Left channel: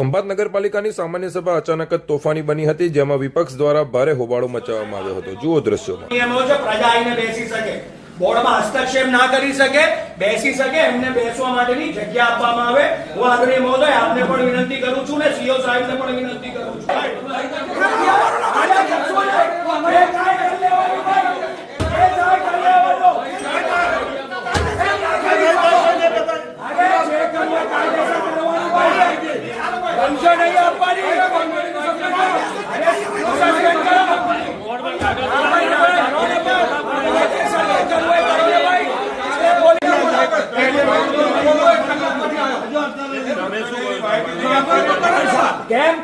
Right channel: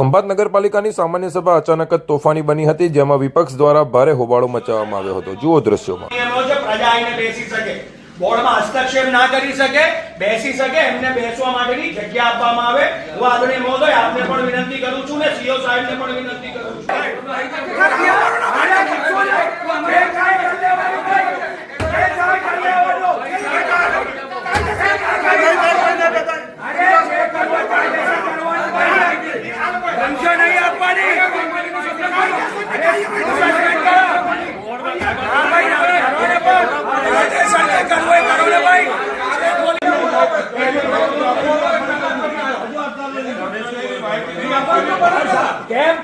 ખંભાત નગરપાલિકાની સામાન્ય સભા અચાનક જ તોફાની બની હતી, જેમાં વિપક્ષ દ્વારા ભારે હોબાળો મચાવવામાં આવ્યો હતો। જુઓ દ્રશ્યોમાં। પ્રજા આવીને બેસી શકે, બોર્ડમાં હસ્તક્ષેપ ના કરી શકે, બેસી શકે, એમને બેસવા માટેની જગ્યા આપવામાં આવે। હું આદરણીય મહોદય આપને પણ વિનંતી કરું છું ને સીઓ સાહેબને પણ વિનંતી કરું છું। नहीं अपनी कैम